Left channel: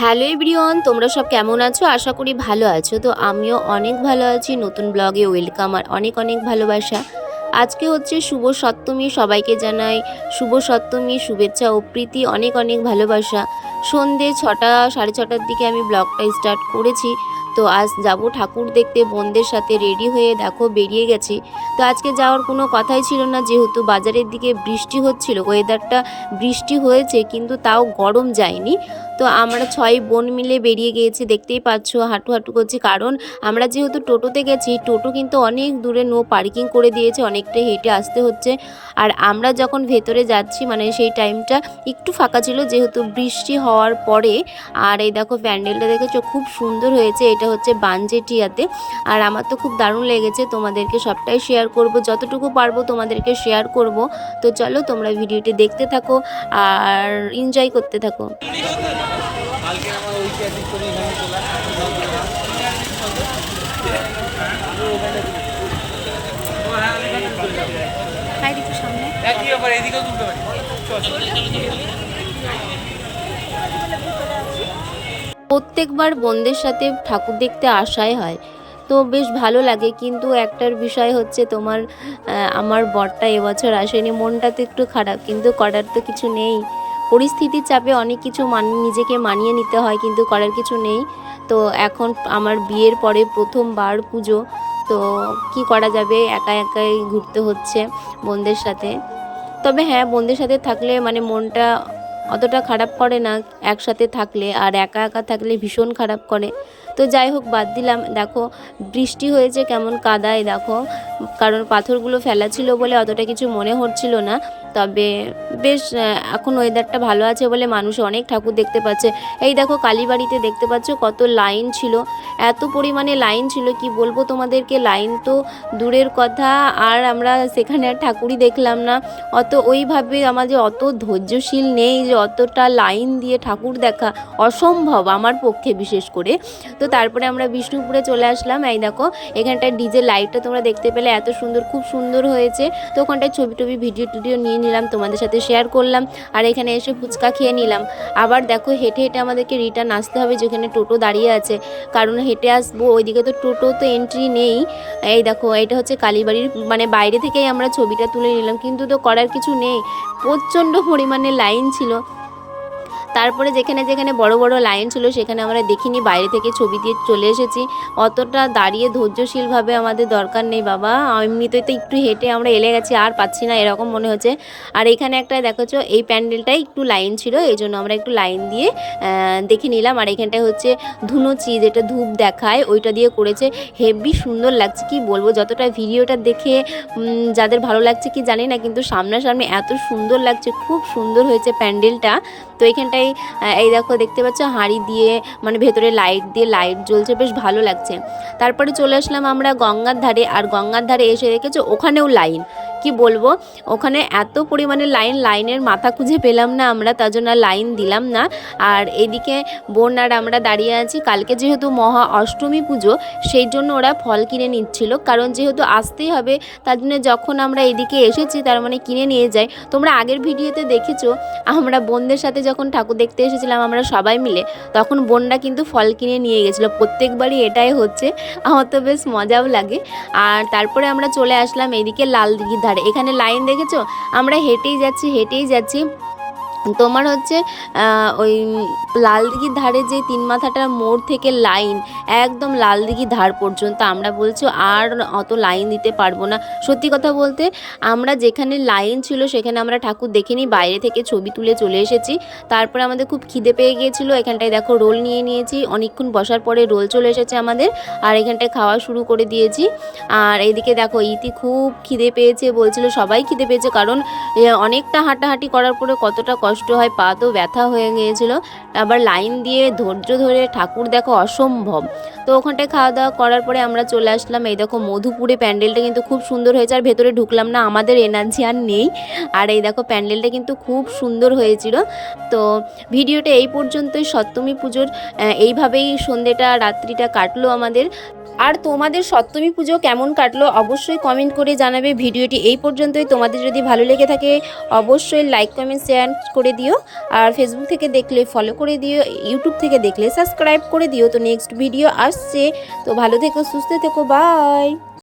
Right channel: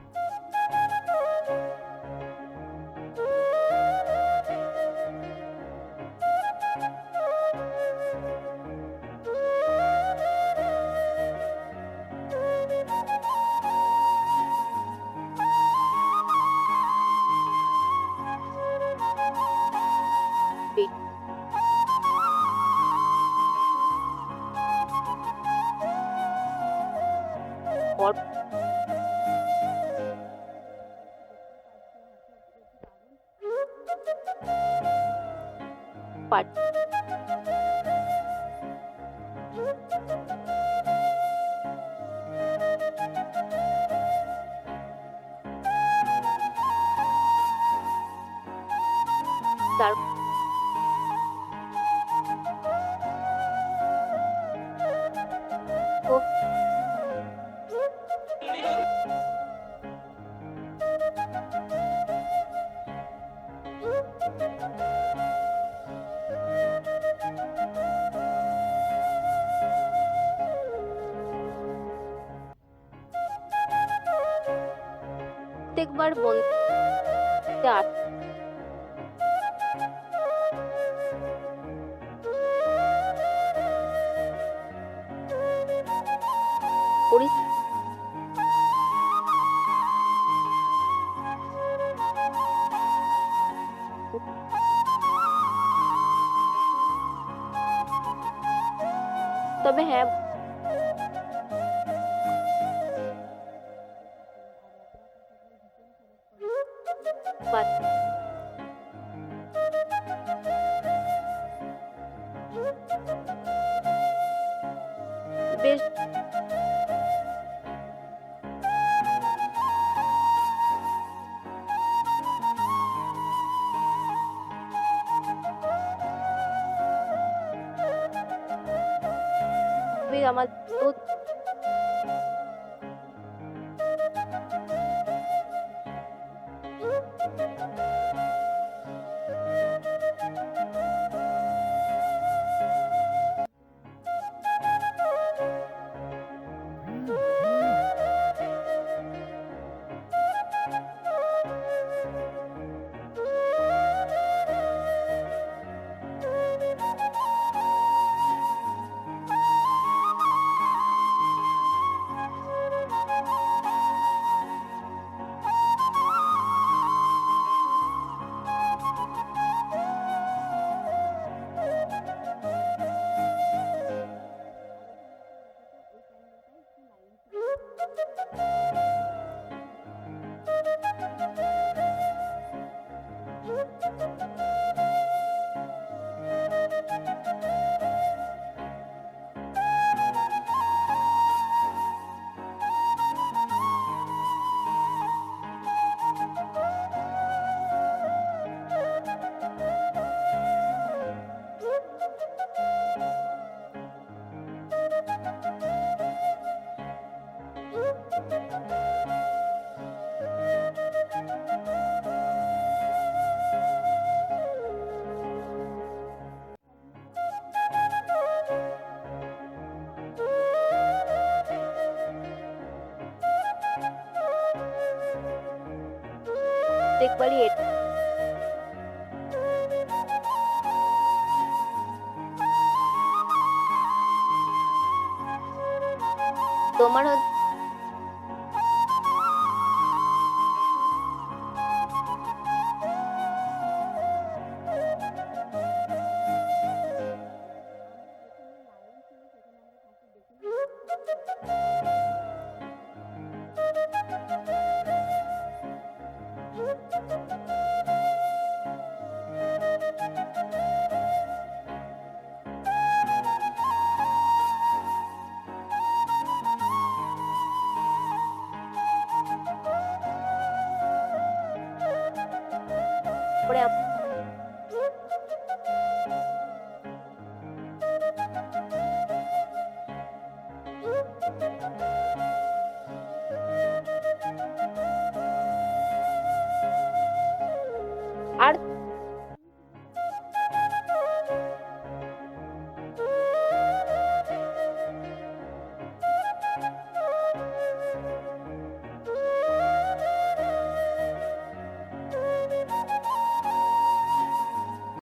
Hello everyone, তোমরা সব কেমন আছো? আশা করি ভালো আছো। তো আমিও অনেক ভালো আছি। নতুন ব্লগে ওয়েলকাম আর অনেক অনেক ভালোবাসা। আজকে হচ্ছে শুভ সপ্তমী, সবাইকে জানাই শুভ সপ্তমী শুভেচ্ছা ও প্রীতি, অনেক অনেক ভালোবাসা। সন্ধে 6টা 6:30টার দিকে আমি ব্লগটা স্টার্ট করেছি। তো আজ যাব ঠাকুর দেখতে, বোনদের সাথে রেডি হয়ে দেখো বেরিয়ে গেছি। তো আজকে যাওয়ার কোনো কথাই ছিল না, যেহেতু বাজারের দিকে বৃষ্টি হচ্ছিল। ওয়েদারটা বৃষ্টি হয়েছে কিন্তু তাও গরম যায়নি। তো আমরা 6 বোন মিলে বেরিয়ে গিয়েছি, দেখতেই পাচ্ছ হাঁটু হাঁটু করছি, কারণ আমরা যেহেতু টোটোতে গেছি, টোটো কিন্তু অনেক দূরে নো পার্কিং করে দিয়েছে, অনেকটা হেঁটে আসতে হচ্ছে। আর আমরা যখন ভেতরে যাচ্ছি মানে সেই টাইমটা একটু ফাঁকা ছিল, যেহেতু বৃষ্টি হওয়ার পরে। আর এই দেখো প্যান্ডেলটা দেখেছো, খুব সুন্দর হয়েছে। এটা হচ্ছে বানজেটিয়াতে। আর আমার তো খুব দারুণ লেগেছে, তোমাদেরকে সবটাই শেয়ার করব, যতটুকু পারবো তোমাদেরকে শেয়ার করব। তো চলো তোমরা ভিডিওটি দেখতে থাকো আর এনজয় করতে থাকো। প্রত্যেকবার বোনদের সাথে ঠাকুর দেখতে আসাই হয়, তো বেশ ভালো লাগে। কিন্তু একটার বিষয় হচ্ছে তোমার আমার বরটা এবছর আসেনি, মনটা তো একটু খারাপ, কিন্তু করার তো কিছু নেই। পরিস্থিতির চাপে অনেক কিছু নিজেকে মানিয়ে নিতে হয়, কিন্তু করার কিছু নেই। তো এখন আমার বিয়ের পরে প্রথমবার পুজো, তো কি করা যাবে, একা একাই ঘুরতে হচ্ছে বোনদের সাথে। তবে হ্যাঁ, বন্ধুদের সাথে থাকলে মানে মনটা অতটা খারাপ করে না একসাথে থাকলে, আর একা একা থাকলে ভীষণ খারাপ করে। তো যাই হোক, বাদ দিলাম। দেখো বৃষ্টি হয়েছে, কেমন কাদায় দেখো, কারণ পাথরগুলো ফেলা ছিল বলে অতটা কিছু মনে হচ্ছিল না। তবে বেশ এখন ওয়েদারটা ভালো আছে বলে মানুষ অনেক ঠাকুর দেখতে পাচ্ছে। এই দেখো কালীবাড়িতে দেখতে পাচ্ছ কত লাইন ছিল, এত পরিমাণে লাইন ছিল কি বলবো তোমাদেরকে। লাইন তো দূরের কথা, আর আমরা সেখানে আর ঠাকুরই দেখলাম না। ওইভাবে আমাদের অত ধৈর্যশীল নেই যে অতটা লাইন দিয়ে ঠাকুর দেখা অসম্ভব আমার পক্ষে, বিশেষ করে। তো তারপরে আমরা বিষ্ণুপুরে চলে আসলাম। এই দেখো এখানটায় ডিজে লাইটটা তোমরা দেখতে পেলে, এত সুন্দর, খুব সুন্দর হয়েছে। তো ওখানটায় ছবি টবি ভিডিও টিডিও নিয়ে নিলাম, তোমাদের সাথে শেয়ার করলাম। আর এখানে এসে ফুচকা খেয়ে নিলাম। আবার দেখো হেঁটে হেঁটে আমাদেরকে রিটার্ন আসতে হবে, যেখানে টোটো দাঁড়িয়ে আছে, কারণ হেঁটে আসবো, ওইদিকে তো টোটো তো এন্ট্রি নেই। এই দেখো এটা হচ্ছে কালীবাড়ির মানে বাইরে থেকেই আমরা ছবিটা তুলে নিলাম, কিন্তু তো করার কিছু নেই, প্রচণ্ড পরিমাণে লাইন ছিল। তারপরে যেখানে যেখানে বড় বড় লাইন ছিল সেখানে আমরা দেখিনি, বাইরে থেকে ছবি দিয়ে চলে এসেছি। অতটা দাঁড়িয়ে ধৈর্যশীলভাবে আমাদের দরকার নেই বাবা, এমনিতেই তো একটু হেঁটে আমরা এলে গেছি, আর পাচ্ছি না এরকম মনে হচ্ছে। আর এখানে একটা দেখেছো, এই প্যান্ডেলটাই একটু লাইন ছিল, এই জন্য আমরা একটু লাইন দিয়ে দেখে নিলাম। আর এখানটায় হচ্ছে ধুনুচি, যেটা ধূপ দেখায়, ওইটা দিয়ে করেছে, হেভি সুন্দর লাগছে কি বলবো। যতটা ভিডিওটা দেখে যাদের ভালো লাগছে কি জানি না, কিন্তু সামনাসামনি এত সুন্দর লাগছে, খুব সুন্দর হয়েছে প্যান্ডেলটা। তো এখানটায় এই দেখো দেখতে পাচ্ছ হাঁড়ি দিয়ে মানে ভেতরে লাইট দিয়ে লাইট জ্বলছে, বেশ ভালো লাগছে। তারপরে চলে আসলাম আমরা গঙ্গার ধারে, আর গঙ্গার ধারে এসে দেখেছো ওখানেও লাইন, কি বলবো, ওখানে এত পরিমাণে লাইনের মাথা খুঁজে পেলাম না আমরা, তার জন্য লাইন দিলাম না। আর এদিকে বোন আর আমরা দাঁড়িয়ে আছি, কালকে যেহেতু মহা অষ্টমী পুজো, সেই জন্য ওরা ফল কিনে নিচ্ছিল, কারণ যেহেতু আসতেই হবে, তার জন্য যখন আমরা এদিকে এসেছি তার মানে কিনে নিয়ে যাই। তোমরা আগের ভিডিওতে দেখেছো আমরা বোনদের সাথে যখন ঠাকুর দেখতে এসেছিলাম আমরা সবাই মিলে, তখন বোনরা কিন্তু ফল কিনে নিয়ে গেছিলো। প্রত্যেকবারই এটাই হচ্ছে, আমার তো বেশ মজাও লাগে। আর তারপরে আমরা চলে আসলাম এদিকে লাল দিঘির ধারে, এখানে লাইন দেখেছো, আমরা হেঁটেই যাচ্ছি হেঁটেই যাচ্ছি। তোমার হচ্ছে ওই লালদিঘির ধারে যে তিন মাথাটার মোড় থেকে লাইন একদম লালদিঘির ধার পর্যন্ত, আমরা বলছো আর অত লাইন দিতে পারবো না। সত্যি কথা বলতে আমরা যেখানে লাইন ছিল সেখানে আমরা ঠাকুর দেখিনি, বাইরে থেকে ছবি তুলে চলে এসেছি। তারপরে আমাদের খুব খিদে পেয়ে গিয়েছিলো, এখানটায় দেখো রোল নিয়ে নিয়েছি, অনেকক্ষণ বসার পরে রোল চলে এসেছে আমাদের, আর এখানটায় খাওয়া শুরু করে দিয়েছি। আর এইদিকে দেখো ইতি খুব খিদে পেয়েছে, বলছিল সবাই খিদে পেয়েছে, কারণ অনেকটা হাঁটাহাঁটি করার পরে কতটা কষ্ট হয়, পা তো ব্যথা হয়ে গিয়েছিল। আবার লাইন দিয়ে ধৈর্য ধরে ঠাকুর দেখো অসম্ভব। তো ওখানটায় খাওয়া দাওয়া করার পরে আমরা চলে আসলাম, এই দেখো মধুপুরে, প্যান্ডেলটা কিন্তু খুব সুন্দর হয়েছে, আর ভেতরে ঢুকলাম না, আমাদের এনার্জি আর নেই। আর এই দেখো প্যান্ডেলটা কিন্তু খুব সুন্দর হয়েছিল। তো ভিডিওটা এই পর্যন্তই, সপ্তমী পুজোর এইভাবেই সন্ধ্যেটা রাত্রিটা কাটলো আমাদের। আর তোমাদের সপ্তমী পুজো কেমন কাটলো অবশ্যই কমেন্ট করে জানাবে। ভিডিওটি এই পর্যন্তই। তোমাদের যদি ভালো লেগে থাকে অবশ্যই লাইক কমেন্ট শেয়ার করে দিও। আর ফেসবুক থেকে দেখলে ফলো করে দিও, ইউটিউব থেকে দেখলে সাবস্ক্রাইব করে দিও। তো নেক্সট ভিডিও আসছে, তো ভালো থেকো, সুস্থ থেকো, বাই।